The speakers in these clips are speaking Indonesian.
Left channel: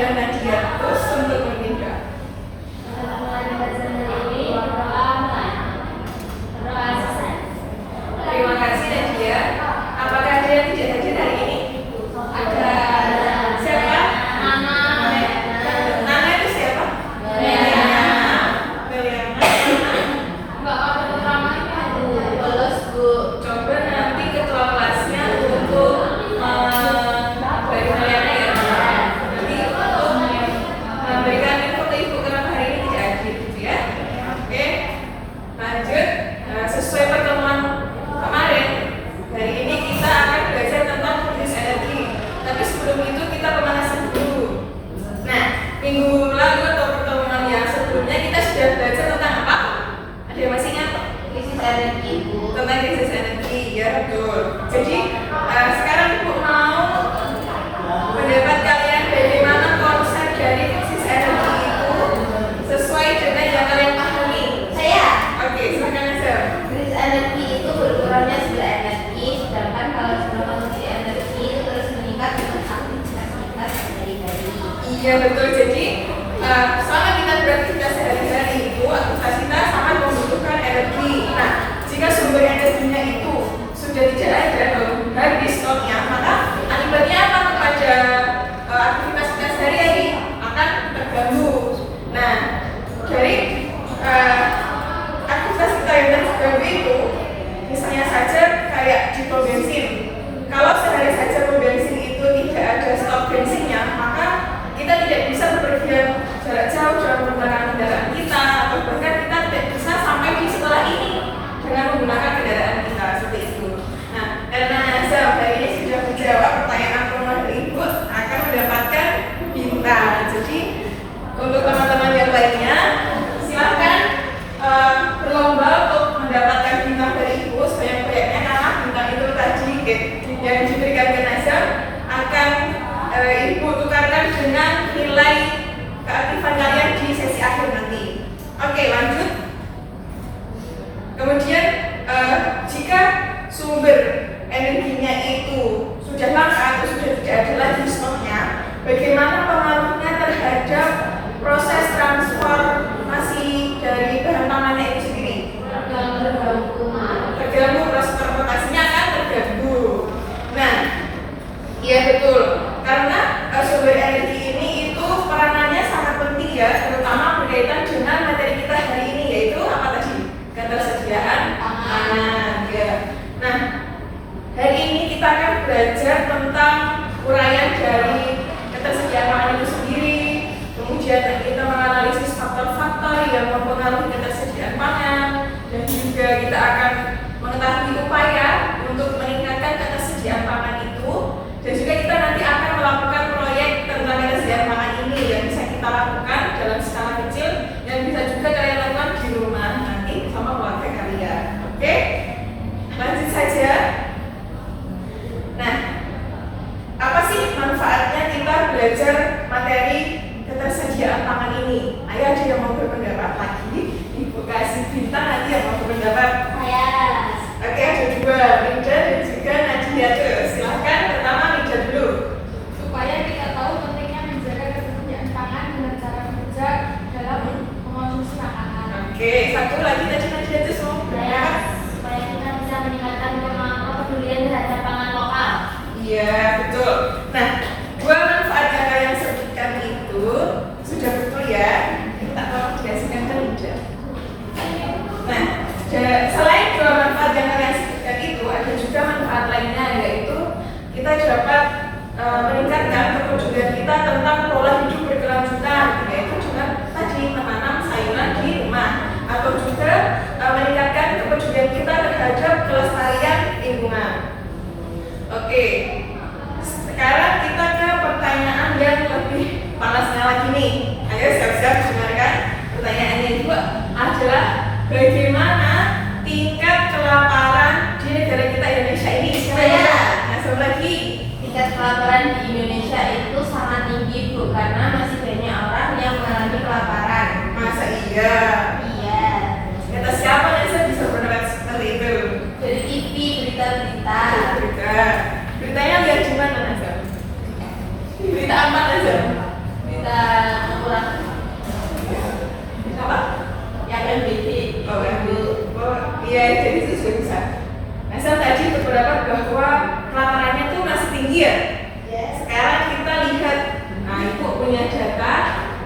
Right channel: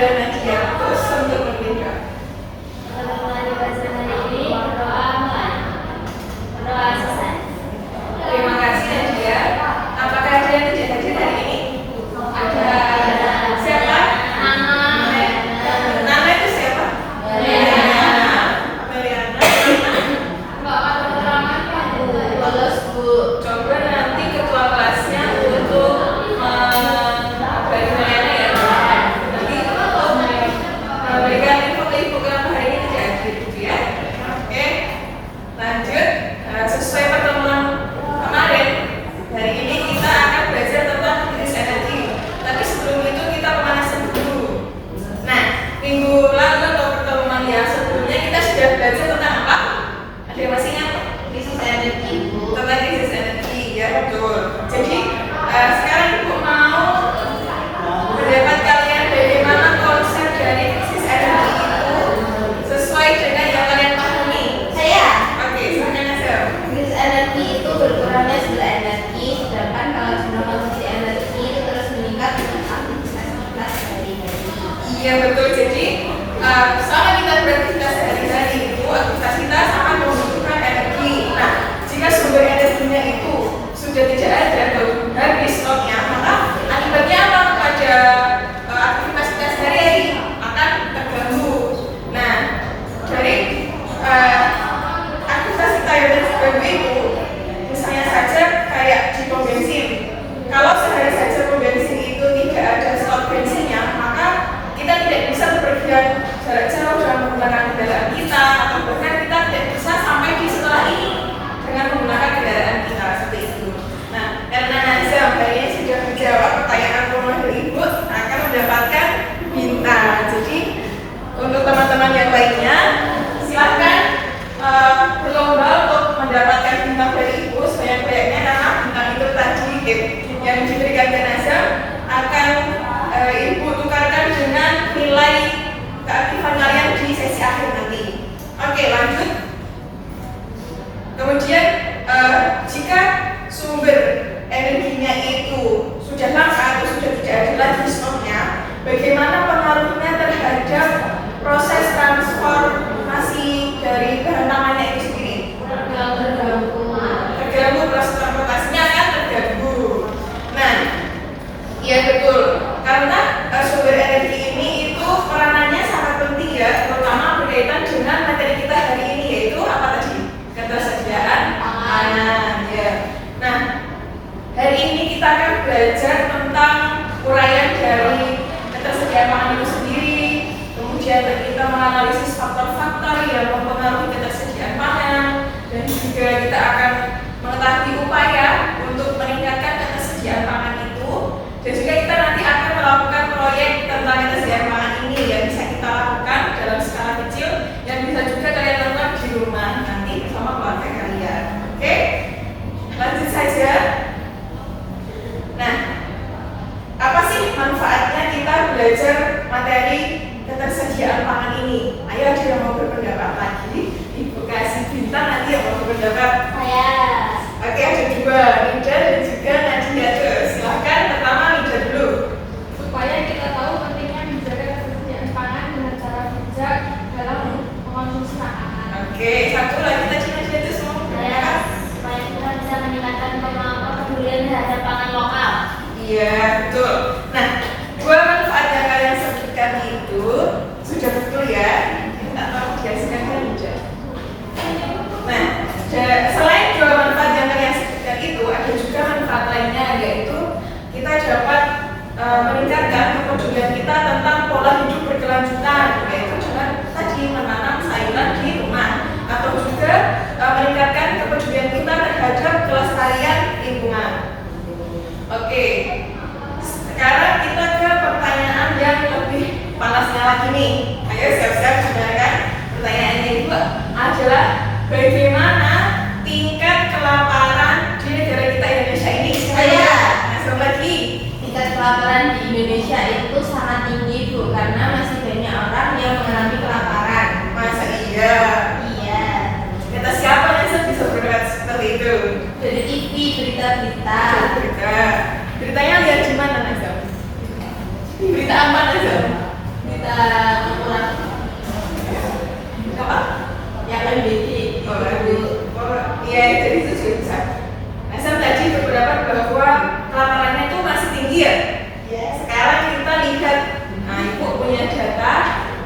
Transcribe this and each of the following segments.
giliran Nadia. Terus untuk memimpin doa. Terima kasih Nadia. Apakah ada yang tidak hadir hari ini? Ada. Siapa? Nana. Nana itu siapa? Meliana. Coba nanti ketua kelasnya untuk dari Meliana ya. Jadi untuk memberikan info kenapa hari ini tidak hadir gitu ya. Oke. Lanjut. Sesuai pertemuan kemarin, hari ini kita akan belajar tentang krisis energi. Tapi sebelum itu kita pemanasan dulu. Nah, minggu lalu atau pertemuan yang sebelumnya kita sudah belajar tentang apa? Ada yang masih ingat? Krisis energi. Tentang krisis energi, ya betul. Jadi sekarang Ibu mau pendapat kalian bagaimana konsep dari krisis energi itu sesuai dengan yang kalian pahami. Saya. Oke, silakan aja. Krisis energi itu berkurangnya jumlah energi, sedangkan kalau jumlah konsumsi energi itu terus meningkat dengan aktivitas sehari-hari. Iya betul. Jadi selama kita beraktivitas sehari-hari itu aktivitas kita sangat membutuhkan energi. Nah, jika sumber energinya itu sudah tidak ada atau habis stoknya, maka akibatnya apa kepada aktivitas kita sehari-hari akan terganggu. Nah, dari aktivitas kita yang terganggu itu, misalnya saja kayak di pom bensin. Kalau sehari saja pom bensin itu tidak ada stok bensinnya, maka kita tidak bisa bepergian jarak jauh dalam menggunakan kendaraan kita, atau bahkan kita tidak bisa sampai di sekolah ini dengan menggunakan kendaraan kita seperti itu. Nah, karena Nazam hari ini sudah menjawab pertanyaan rumah dari Ibu, akan mendapatkan bintang. Jadi untuk teman-teman yang lainnya, silakan berlomba untuk mendapatkan bintang dari Ibu sebanyak-banyaknya, karena bintang itu tadi yang diberikan ke Nazam akan Ibu tukarkan dengan nilai keaktifan kalian di sesi akhir nanti. Oke, lanjut. Kemudian jika sumber energinya itu sudah langka atau sudah tidak ada lagi stoknya, bagaimana pengaruhnya terhadap proses transformasi dari bahan pangannya itu sendiri? Terganggu, proses transportasinya akan terganggu. Nah, iya betul. Karena sumber energi ini itu peranannya sangat penting ya, terutama berkaitan dengan materi kita hari ini, yaitu apa tadi? Ketersediaan pangan. Ya. Nah, hari ini kita akan belajar tentang uraian dari ketersediaan pangan itu sendiri. Kemudian kita menganalisis faktor-faktor yang mempengaruhi ketersediaan pangan, dan juga kita akan mengetahui upaya untuk meningkatkan ketersediaan pangan itu. Dan juga kita nanti akan melakukan proyek tentang ketersediaan pangan ini yang bisa kita lakukan dalam skala kecil, yang bisa juga kalian lakukan di rumah nanti bersama keluarga kalian. Oke? Lanjut saja. Nah, apa sih manfaatnya kita belajar materi ketersediaan pangan ini? Ayo ada yang mau berpendapat lagi? Ibu kasih bintang, nanti yang mau berpendapat. Saya. Oke, ada dua, Linda dan juga Nadia. Silahkan, pertama Linda dulu. Supaya kita tahu pentingnya menjaga ketersediaan pangan dengan cara bijak dalam mengonsumsi makanan. Oke, satu lagi tadi Nadia itu semua Saya. berpendapat. Supaya kita bisa meningkatkan kepedulian terhadap pangan lokal. Iya, betul. Nah, dua manfaat yang kalian sebutkan itu sudah betul ya. Kita mau biasakan ke Linda. Nah, selain dua manfaat yang kalian sebutkan itu, ada juga manfaat lainnya, yaitu kita dapat meningkatkan kepedulian kita tentang pola hidup berkelanjutan, yaitu dengan tadi menanam sayuran di rumah, atau juga meningkatkan kepedulian kita terhadap kelestarian lingkungan. Oke, sekarang kita ke pertanyaan yang lebih panasnya lagi nih. Ayo siap-siap dengarkan. Pertanyaannya itu adalah bagaimana tingkat kelaparan di negara kita Indonesia ini? Saya. Nah, sobat lagi. Tingkat kelaparan di Indonesia itu sangat tinggi, Bu, karena masih banyak orang yang mengalami kelaparan. Masa iya? Iya. Kata siapa yang bisa berpendapat seperti itu? Dari TV, berita-berita. Beritanya lihat di mana, Nazam? Berita apa, Nazam? data ukuran Apa? yang NBT. Iya, jadi itu sudah bisa. Nah, saya tadi berpendapat bahwa kelaparannya tuh masih tinggi ya. Yes. Sekarang kita lihat, nah Ibu punya data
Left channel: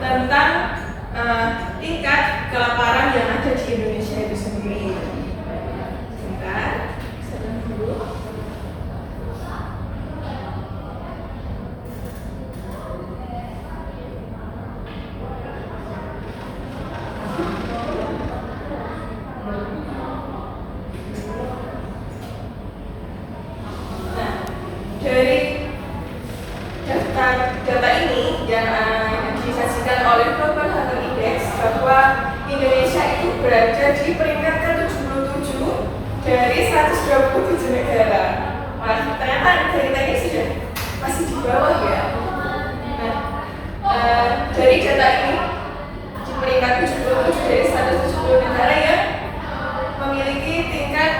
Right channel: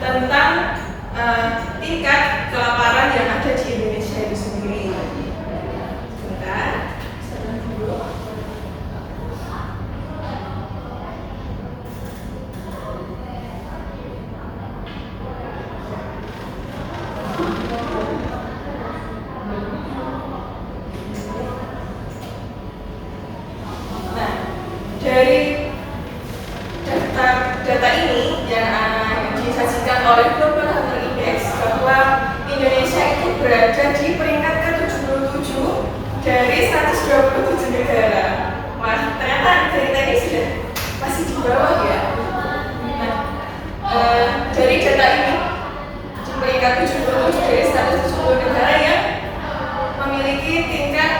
tentang tingkat kelaparan yang ada di Indonesia itu sendiri. Sebentar. Nah, dari data ini yang disajikan oleh Global Hunger Index bahwa Indonesia itu berada di peringkat ke-77 dari 127 negara. Wah, ternyata negara ini sudah masih di bawah ya. Nah, dari data ini di peringkat 77 dari 170 negara yang memiliki tingkat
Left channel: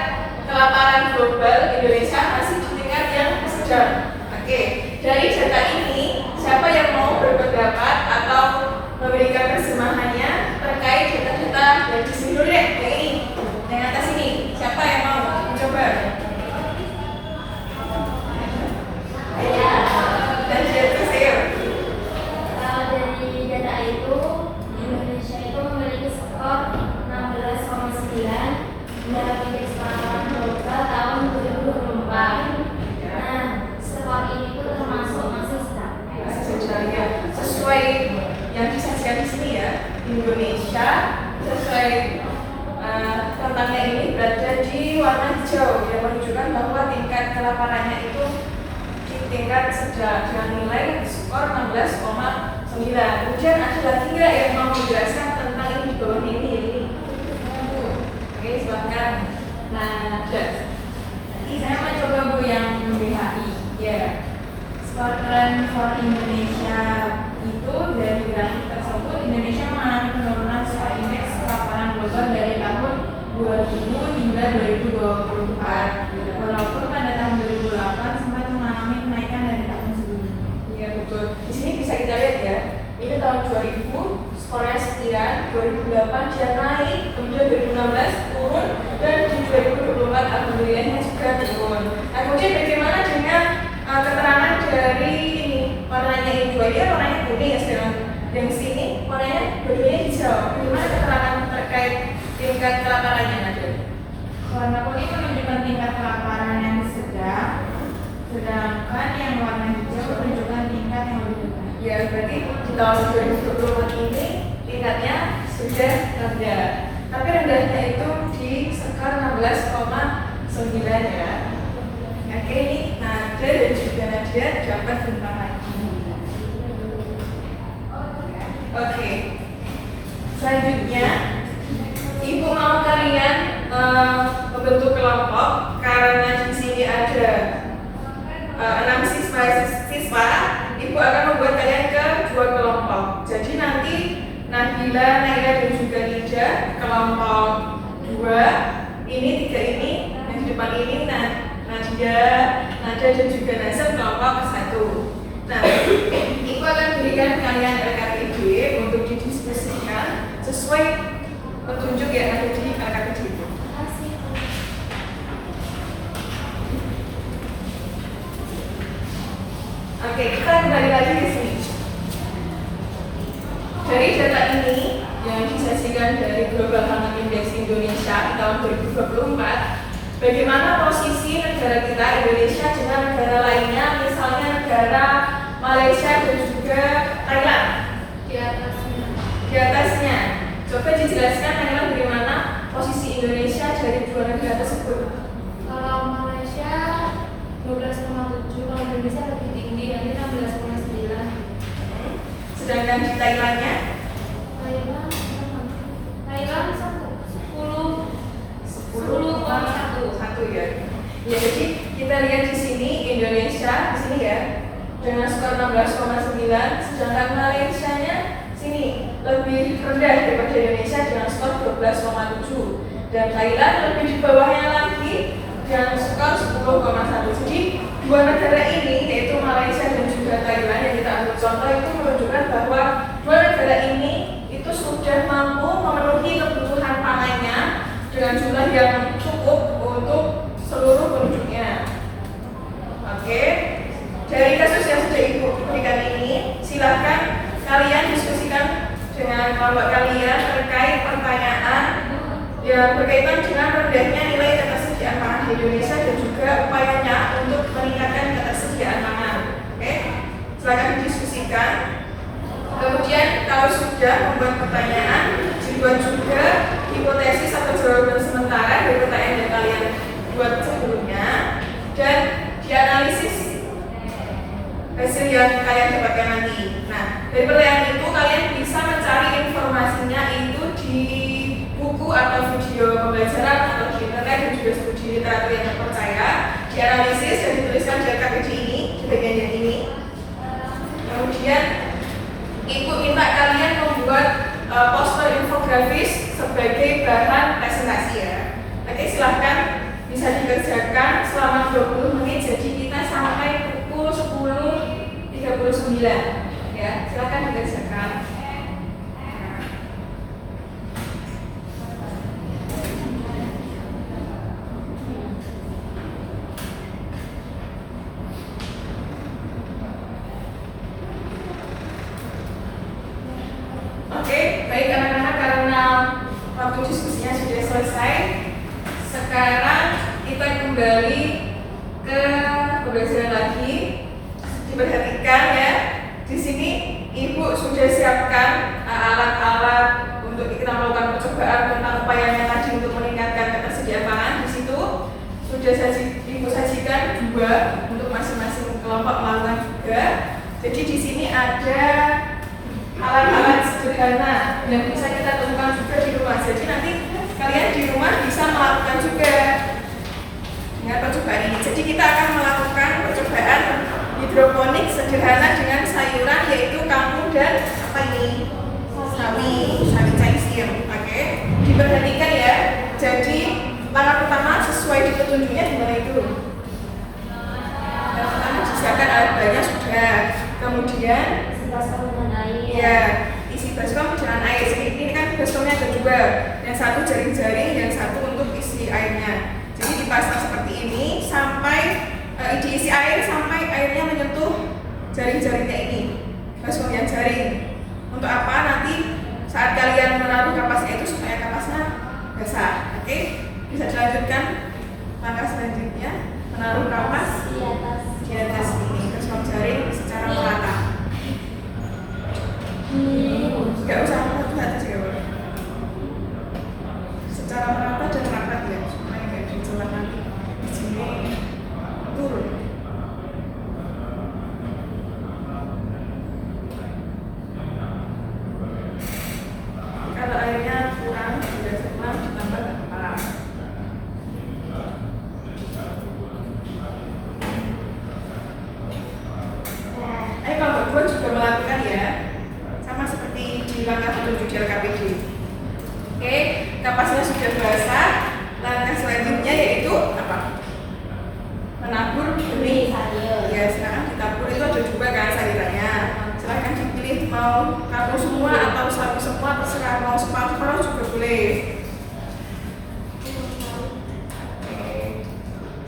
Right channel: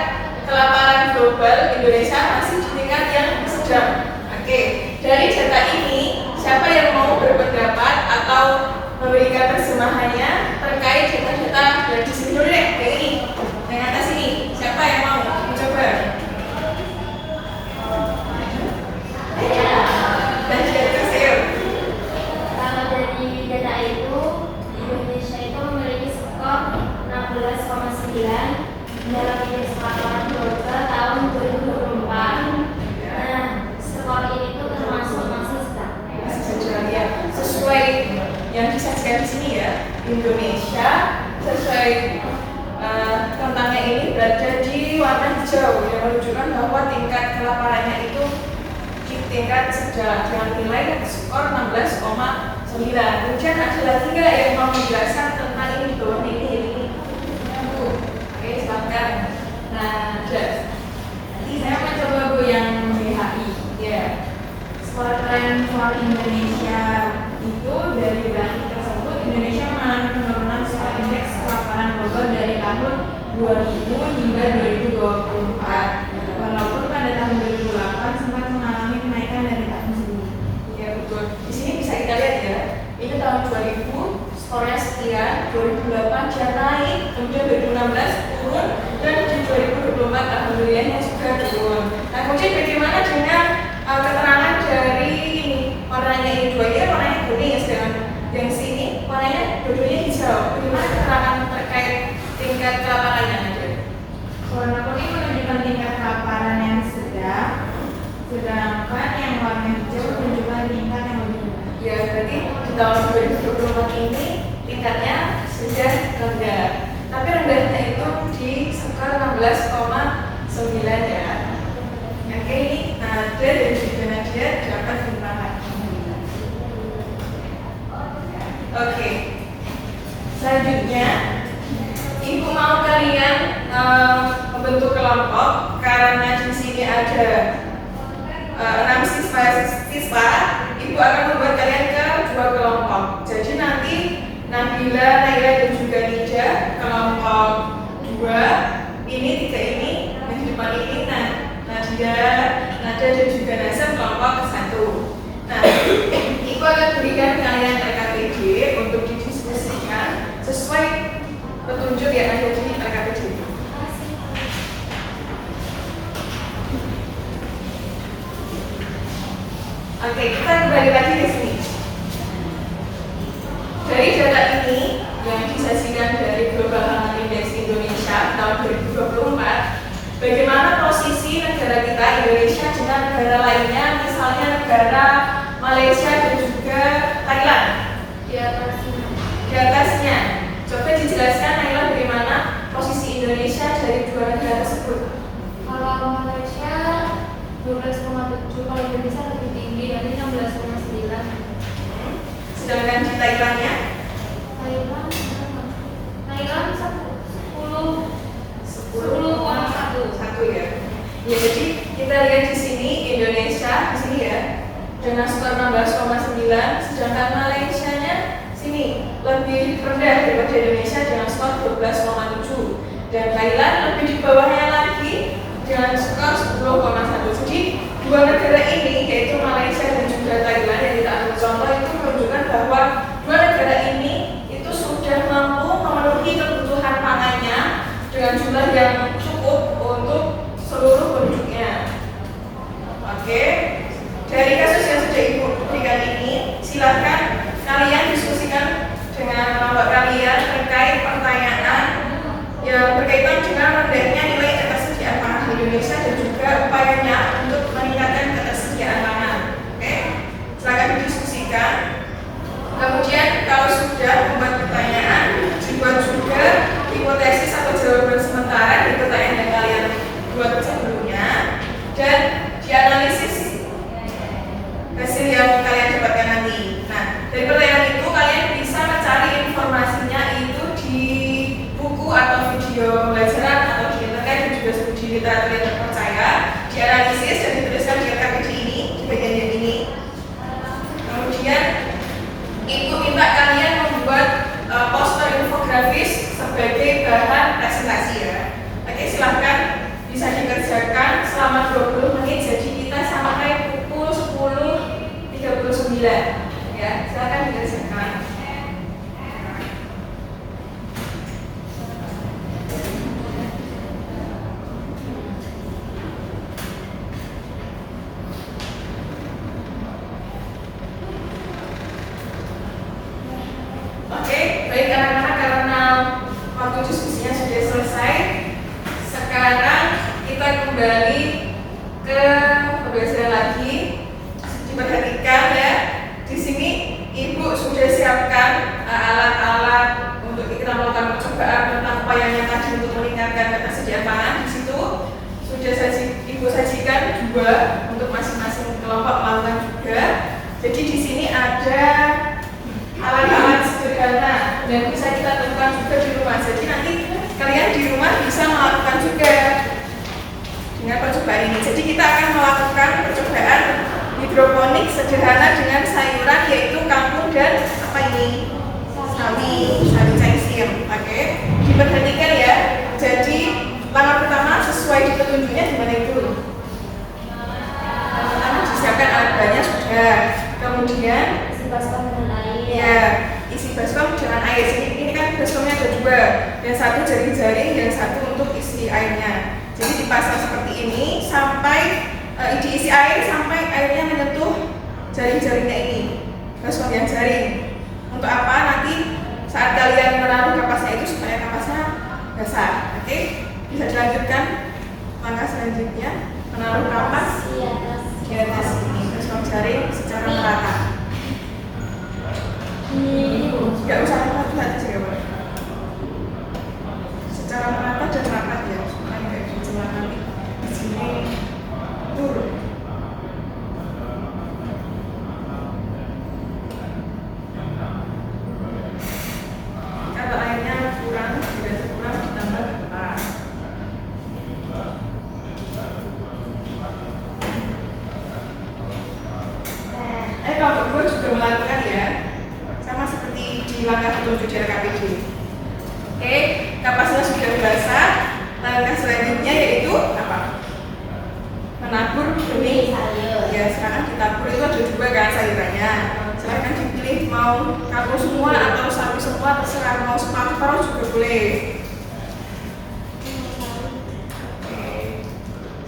kelaparan global, Indonesia masih di tingkat yang sedang. Oke, dari data ini siapa yang mau berpendapat atau memberikan terjemahannya terkait data-data dari sini dulu deh, yang ini, yang atas ini. Siapa yang mau mencoba? Dan atas saya. Dari data itu, Indonesia itu memiliki skor 16,9 dalam indeks kelaparan global tahun 2024. Nah, skor ini tuh termasuk masih stabil. Sejajarnya sesuai yang disajikan di sini ya, Indonesia sesuai tentangnya ini berada di warna hijau yang menunjukkan bahwa tingkat kelaparannya itu di tingkat sedang dengan nilai skor 16,9. Kemudian ada lagi nggak yang mau menjelaskan tentang ini di bawah ini? Oke, silakan. Nah, Saya mencoba Bu yang BHI. ya. Skor tren for Indonesia itu dari grafik tersebut, Indonesia mengalami penurunan skor indeks kelaparan global dari tahun 2000 hingga 2024. Walaupun pada tahun 2008 sempat mengalami kenaikan dari tahun sebelumnya. Iya betul. Di sini bisa kita lihat ya. Ini tahun 2000 skornya sekian, 2008 dia naik, kemudian 2016 turun, dan di 2024 alhamdulillahnya juga turun. Nah kemudian bagaimana dengan keterangan dari ini warnanya ini dua ya warnanya kuning ya sedang yang sini warnanya dua-duanya hijau. Bagaimana keterangan terkait tingkat kelaparannya Nadia? Warna kuning menunjukkan tingkat kelaparan yang sedang, sedangkan yang warna hijau menunjukkan tingkat yang lebih rendah. Ya berarti di tahun 2024 ini tingkatnya sudah rendah. Tapi rendahnya itu di skor 16,9 ya. Oke, ini Nadia dan juga Nadia dapat bintang lagi. Oke. Selanjutnya, Ibu mau kalian membentuk kelompok karena di sini ada 6 siswa. Ibu akan membuat kalian ke 2 kelompok. Jadi nanti Nabila, Naila dan juga Nida kelompok 2. Ini 3 ini, yang di depan ini Nadia, Nada dan juga Nasir kelompok 1. Nah, Ibu akan berikan kalian RKPD untuk didiskusikan sesuai petunjuk yang ada di RKPD itu. Oke, kita kembali lagi ke sini. Dari data ini yang disajikan dari Global Hunger Index Indonesia tahun 2024, bagaimana posisi negara kita Indonesia dengan negara lainnya, misalnya negara Malaysia dan juga Thailand? Di atasnya. Coba dijelaskan Naila bagaimana posisi Indonesia dari 2 negara tersebut. Kalau Malaysia 12,7, kalau Indonesia lebih tinggi, yakni 16,9. Sedangkan di Thailandnya Thailand 10,1 ya. Ya jadi kita lihat di sini Indonesia di sini ya dengan skor 16,9, sedangkan Malaysianya sini lebih rendah daripada Indonesia dengan skor 12,7 dan Thailand lebih di bawahnya lagi dengan skor 10,1. Jadi 2 negara ini yaitu Malaysia dan juga Thailand yang kita ambil contoh itu menunjukkan bahwa yang berkaitan dengan rendahnya nilai ketersediaan pangan di Indonesia dan juga upayanya untuk meningkatkan ketersediaan pangan. Oke, silakan didiskusikan. Kemudian kalau sudah membuat pertanyaan, dibuat juga hipotesis atau jawaban sementara dari pertanyaan yang kalian buat sebelumnya dan dianalisis hasil yang kalian dapatkan nanti. Nah, dari pertanyaan itu kalian bisa mencari informasinya itu di buku atau video pembelajaran atau di internet dan juga studi literatur yang terpercaya, dianalisis dan dituliskan di LKPD ini, di bagian yang ini. Kemudian Ibu minta kalian membuat poster infografis sebagai bahan presentasi ya. Oke, silahkan bisa dikerjakan selama 20 menit. Jadi kita sampai pukul 10.39 ya. Silahkan dikerjakan. Oke, baik anak-anak, karena waktu diskusinya sudah selesai, sekarang kita kembali ke pembelajaran lagi. Diperhatikan ya, di sini Ibu sudah siapkan alat-alat untuk kita melakukan percobaan tentang upayanya tadi untuk meningkatkan ketersediaan pangan. Di situ sudah Ibu sajikan juga untuk masing-masing kelompok melakukan juga. Jadi di sini ada alat-alat sederhana yang bisa kita temukan juga di rumah. Jadi nanti kalian di rumah bisa melakukan juga dengan percobaan ini. Jadi kita akan melakukan percobaan hidroponik sederhana dengan sayuran yaitu kangkung dan apa ini? Sawi caisir. Oke, diperhatikan ya. Jadi langkah pertama sesuai di petunjuknya di mana itu? Yang pertama disiapkan alat bahannya sudah. Kemudian ya, isi baskom dengan air. Ini kan baskomnya ada dua, yang satu jaring-jaring, yang satu untuk isi airnya. Jadi dipasang seperti ini sampai diisi air sampai airnya menyentuh jaring-jaringnya ini, baskom yang jaring. Untuk apa? Nanti saat kalian menaruh kapasnya itu supaya kapasnya basah. Oke, bisa dilanjutkan langkah selanjutnya, menaruh kapas di atas ini baskom jaring secara merata. Gak usah rapat aja ya, Pak. Secara merata dan rapat ya, supaya gak dicelah nanti di sini turun. Kalau airnya kurang, tidak kurang ditambah kepas. Kalau berdua juga melakukan ya, sama seperti di langkah petunjuk di LKPD. Oke, kapasnya sudah basah. Langkah selanjutnya yaitu apa? Menabur benih sayur. Ya, sekarang ditabur itu ada juga kan sayurannya. Silahkan dipilih mau kangkung semua atau sawi semua, terserah, mau separuh juga boleh. Oke,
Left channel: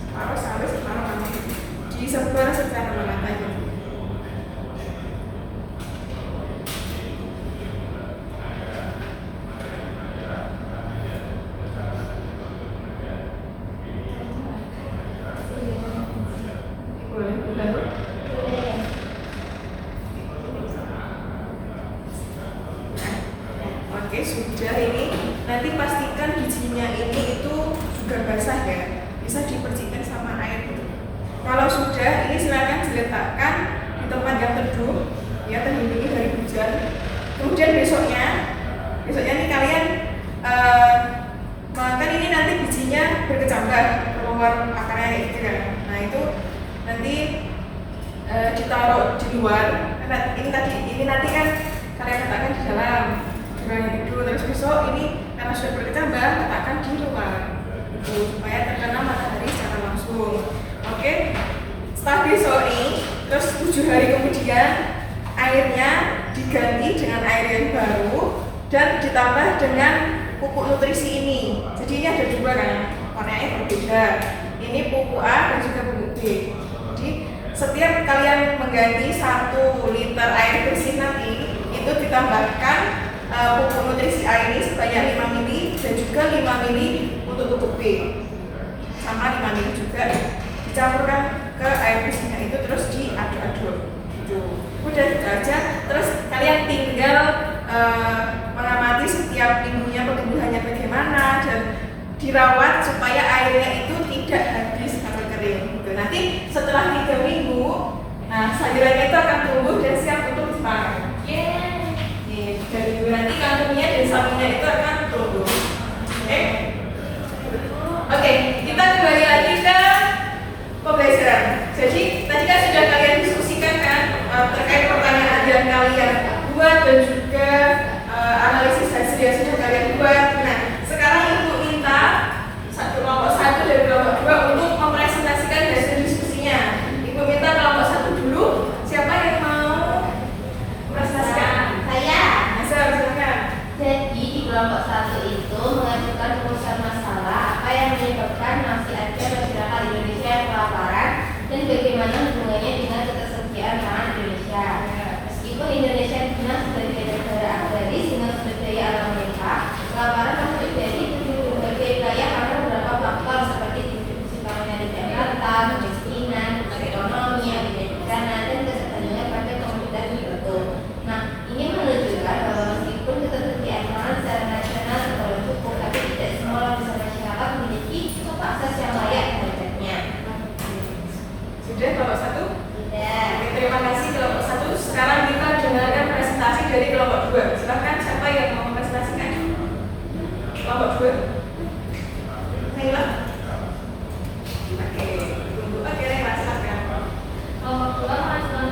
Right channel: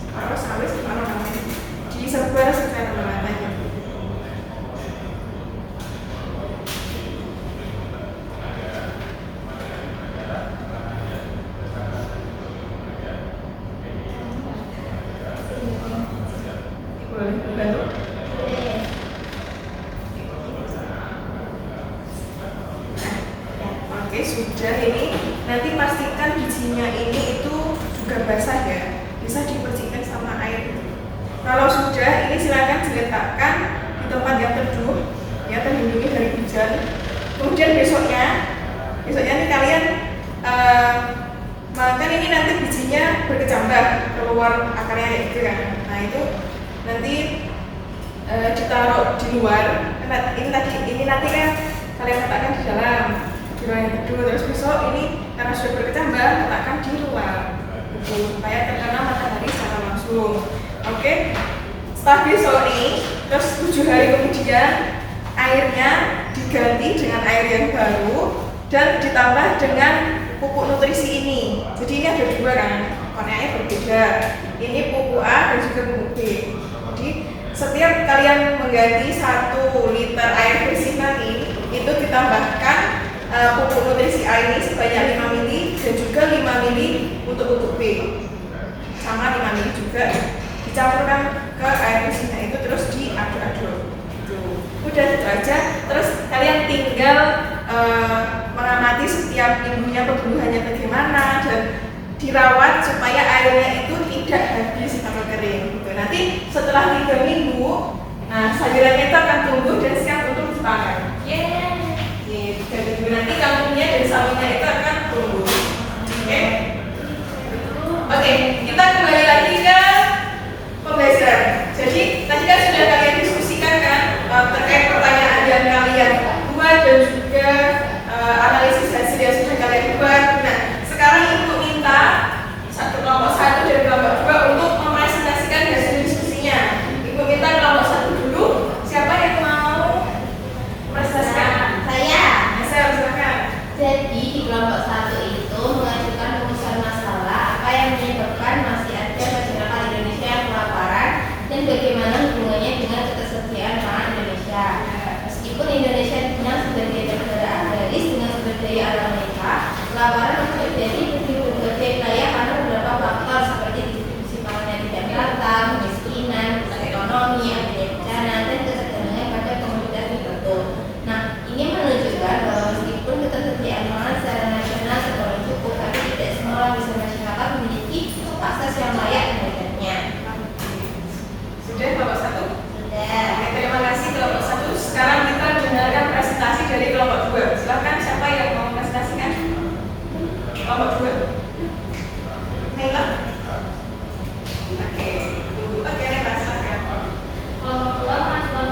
separuh sawi, separuh kangkung. Disebar secara merata ya. Oke, sudah ini. Nanti pastikan bijinya ini itu juga basah ya. Bisa dibersihkan sama air. Kalau sudah, ini silakan diletakkan di tempat yang teduh, ya, terlindungi dari hujan. Kemudian besoknya nih kalian makan ini nanti bijinya berkecambah keluar akarnya kayak gitu kan. Nah itu nanti ditaruh di luar. Ini nanti kan kalian letakkan di dalam yang teduh. Terus besok ini karena sudah berkecambah letakkan di luar supaya terkena matahari secara langsung. Oke, setelah besok nih, terus 7 hari kemudian airnya diganti dengan air yang baru dan ditambah dengan pupuk nutrisi ini. Jadi ini ada dua kan, warnanya berbeda. Ini pupuk A dan juga pupuk B. Jadi setiap kalian mengganti 1 liter air bersih nanti itu ditambahkan pupuk nutrisi A ini sebanyak 5 mili dan juga 5 mili untuk pupuk B. Sama 5 mili juga dicampurkan ke air bersihnya itu terus diaduk-aduk. Udah gitu aja. Terus kalian tinggal mengamati setiap minggunya pertumbuhannya bagaimana dan dirawat supaya airnya itu tidak habis atau kering. Gitu. Nanti setelah 3 minggu, nah sayurannya itu akan tumbuh dan siap untuk dipanen. Nih, 3 minggu nanti kangkungnya dan sawinya itu akan tumbuh. Oke, kita kembali lagi ke pembelajaran. Jadi tadi kan sudah kalian diskusikan kan terkait pertanyaan yang kalian buat dan juga analisis hasil yang sudah kalian buat. Nah, sekarang ibu minta kelompok 1 dan kelompok 2 untuk mempresentasikan hasil diskusinya. Ibu minta kelompok 1 dulu. Siapa yang mau mempresentasikan? Saya. Saya silakan. Jadi di kelompok 1 itu mengajukan rumusan masalah apa yang menyebabkan masih ada masyarakat Indonesia yang kelaparan dan bagaimana hubungannya dengan ketersediaan pangan Indonesia. Meskipun Indonesia dikenal sebagai negara agraris dengan sumber daya alam mereka, kelaparan masih terjadi di berbagai wilayah karena beberapa faktor seperti distribusi pangan yang tidak merata, kemiskinan, ekonomi, adanya bencana, dan ketersediaan pada komoditas tertentu. Nah, ini menunjukkan bahwa meskipun ketersediaan pangan secara nasional tergolong cukup, tapi tidak semua lapisan masyarakat memiliki akses yang layak terhadapnya. Sudah kelompok 1? Sudah. Oke, terima kasih kelompok 1. Sekarang kita dengarkan presentasi dari kelompok 2. Silakan siapa yang mau presentasikan? Kelompok 2. Naila. Oke, tunggu. Oke, Naila silakan. Kelompok 2 mengajukan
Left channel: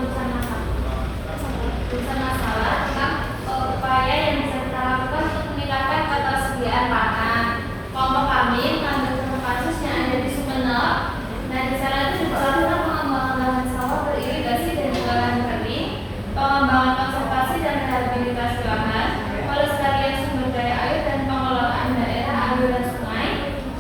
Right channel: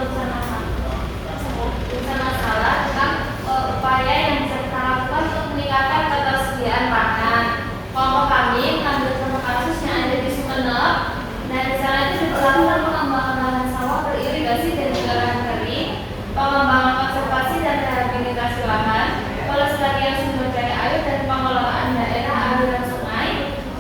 urusan masalah tentang upaya yang bisa kita lakukan untuk meningkatkan ketersediaan pangan. Kelompok kami mengambil contoh kasus yang ada di Sumeneb. Nah, di sana itu diperlakukan pengembangan lahan sawah beririgasi dan juga lahan kering, pengembangan konservasi dan rehabilitasi lahan, pelestarian sumber daya air dan pengelolaan daerah aliran sungai,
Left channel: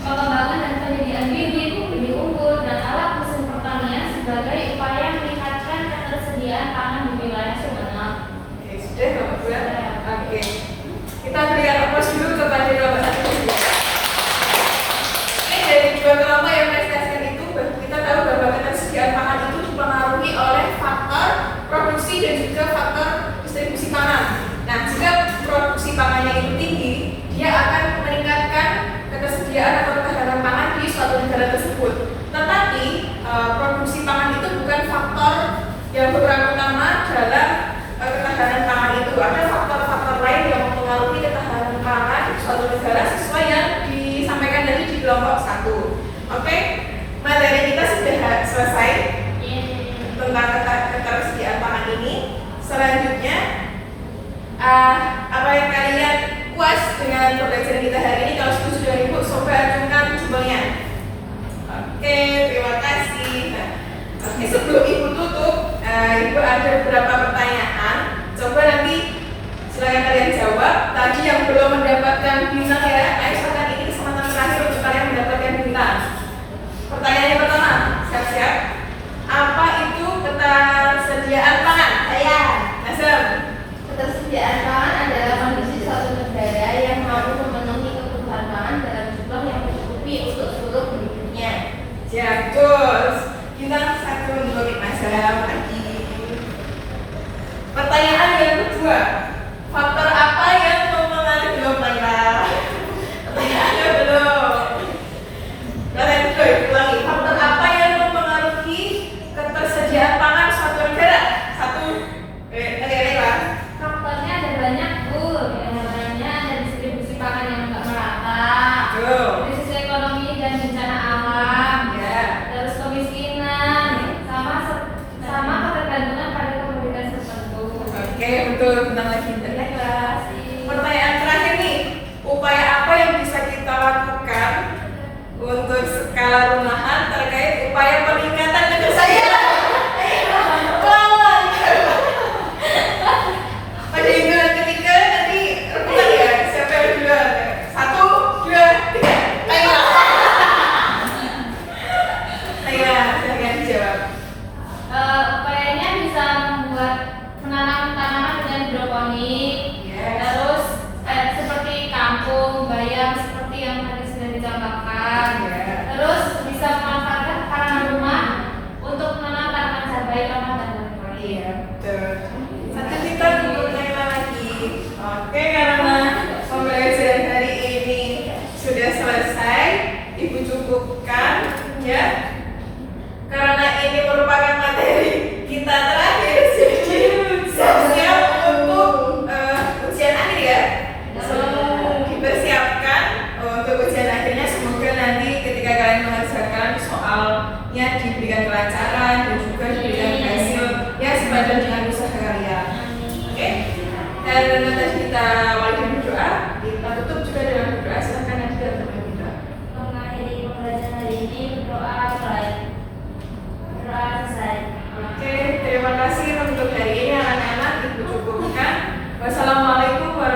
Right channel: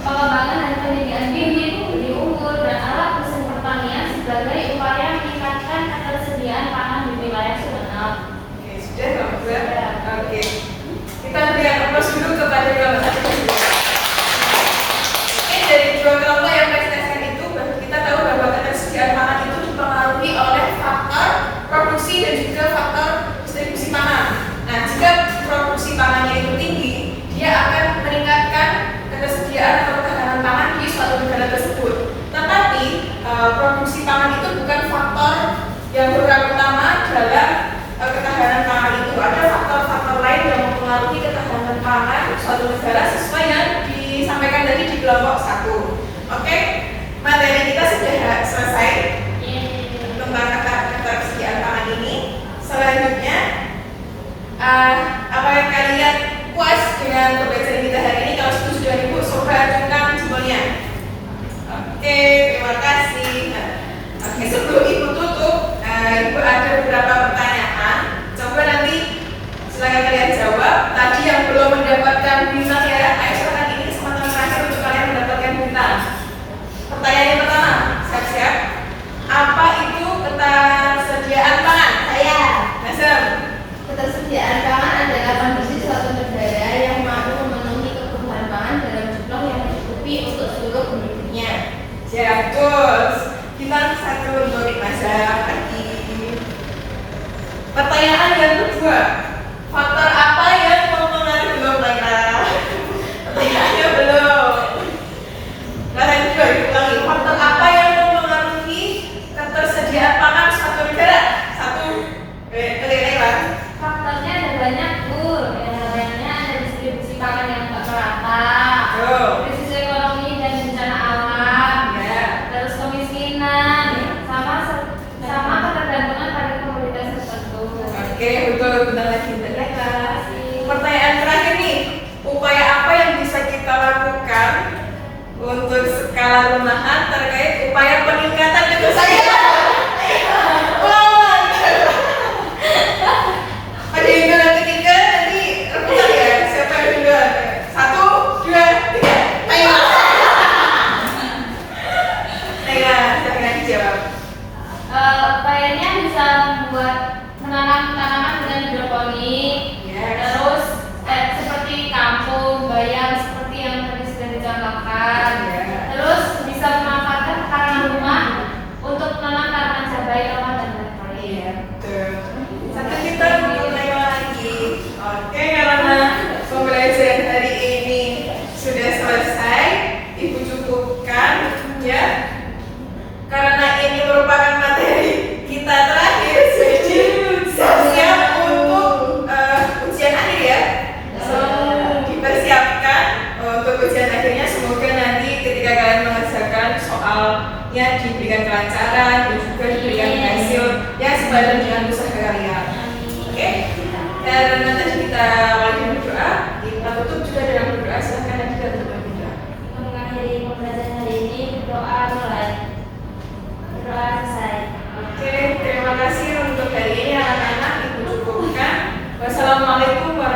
pengembangan dan penyediaan bibit, budi unggul dan alat mesin pertanian sebagai upaya meningkatkan ketersediaan pangan di wilayah Sumeneb. Oke, sudah kelompok 2. Oke. Kita berikan propos dulu kepada kelompok 1. Oke, dari 2 kelompok yang presentasikan itu kita tahu bahwa ketersediaan pangan itu dipengaruhi oleh faktor produksi dan juga faktor distribusi pangan. Nah, jika produksi pangannya itu tinggi, dia akan meningkatkan ketersediaan atau ketahanan pangan di suatu negara tersebut. Tetapi produksi pangan itu bukan faktor yang berperan utama dalam ketahanan pangan itu. Ada faktor-faktor lain yang mempengaruhi ketahanan pangan suatu negara sesuai yang disampaikan tadi di kelompok 1. Oke, materi kita sudah selesai tentang ketersediaan pangan ini. Selanjutnya, apa yang kalian puas dengan pembelajaran kita hari ini? Kalau setuju dengan ibu, coba ajukan jempolnya. Oke, terima kasih. Nah, oke, sebelum ibu tutup, ibu ada beberapa pertanyaan. Coba nanti silakan kalian jawab. Tadi yang belum mendapatkan bintang ya, ayo silakan ini kesempatan terakhir untuk kalian mendapatkan bintang. Pertanyaan yang pertama, siap-siap. Apa itu ketersediaan pangan? Saya. Nasem. Ketersediaan pangan adalah kondisi suatu negara yang mampu memenuhi kebutuhan pangan dalam jumlah yang mencukupi untuk seluruh penduduknya. Siap, terus bintang 1 untuk Nasem lagi. Pertanyaan yang kedua, faktor apa yang mempengaruhi belum pernah? Pertanyaannya belum. Kalian juga diulangi. Faktor apa yang mempengaruhi ketersediaan pangan suatu negara? 1. Oke, Pak. Faktornya ada banyak, Bu. Yang pertamanya ada distribusi pangan yang tak merata, krisis ekonomi dan bencana alam, terus kemiskinan, sama ketergantungan pada komoditas tertentu. Oke, betul. Bentar lagi. Pertanyaan terakhir nih, upaya apa yang bisa kita lakukan untuk skala rumahan terkait upaya peningkatan ketersediaan? Ulang. Oke, itu yang ketiga nanti rebutan ya. Siapa yang duluan? 1, 2, 3. Naila. Naila, jangan dijawab. Upayanya bisa membuat menanam tanaman dengan hidroponik, terus ya. Tuh. Satu kita untuk naik lagi. Oke, karena pembelajaran hari ini sudah selesai, Ibu cukupkan ya. Karena ini merupakan materi kita terakhir, jadi siap untuk ujian akhir ya. Dipersiapkan untuk ujian akhirnya. Semoga nanti ketika kalian mengerjakan soalnya diberikan kelancaran dan juga diberikan hasil yang sepadan dengan usaha kalian. Oke? Dan nanti kita awali dengan berdoa. Kita tutup juga dengan berdoa. Silahkan nanti kita tutup dengan berdoa. Mengakhiri pembelajaran hari ini, berdoa mulai. Berdoa selesai. Oke, terima kasih untuk hari ini anak-anak. Ibu cukupkan. Wassalamualaikum warahmatullahi